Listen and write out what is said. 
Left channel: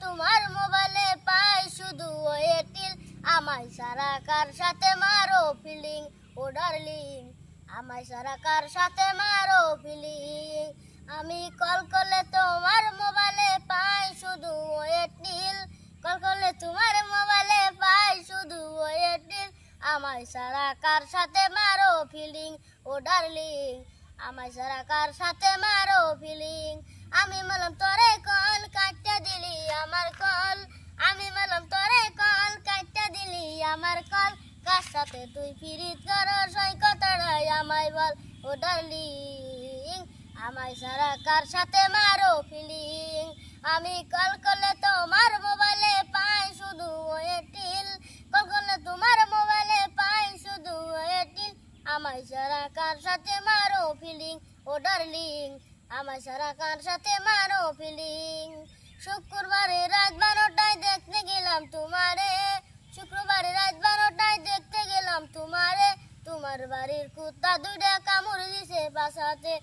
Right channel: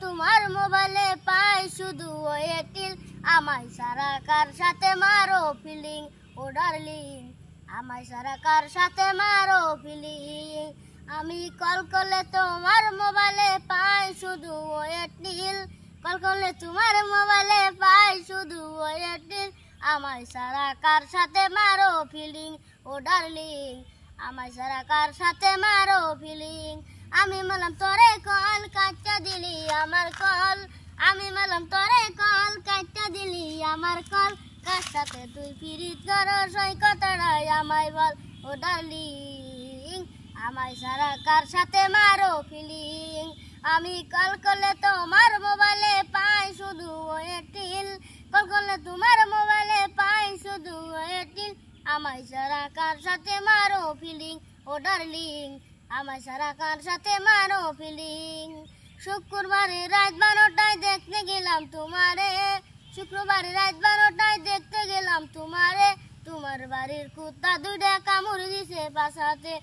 তোমার মোবাইলে পাই শুধু ওয়েটিল আমায় সারা কার সাথে মারো ফিলিং ও ডার্লিং আমায় সারা কার সাথে মারো ফিলিং আমি কল করলে তোমার মোবাইলে পাই শুধু ওয়েটিল কল করলে তোমার মোবাইলে পাই শুধু ওয়েটিল আমায় সারা কার সাথে মারো ফিলিং ও ডার্লিং আমায় সারা কার সাথে মারো ফিলিং আমি মালাম তোরে কল কাটটা দিলি আমার কল আমি মালাম তোরে কল কাটটা দিলি আমার কল কার সাথে তুই পিরিত কর সই কথাটাই আমায় বল ও ডার্লিং আমায় সারা কার সাথে মারো ফিলিং আমি কল করলে তোমার মোবাইলে পাই শুধু ওয়েটিল কল করলে তোমার মোবাইলে পাই শুধু ওয়েটিল আমায় সারা কার সাথে মারো ফিলিং ও ডার্লিং আমায় সারা কার সাথে মারো ফিলিং শুক্রবারে রাত 12টায় দেখতে গেলাম তোমারে শুক্রবারে রাত 12টায় দেখতে গেলাম তোমারে তোমার বাড়ির কুত্তা দুইটা কামড় দিছে বাসাতে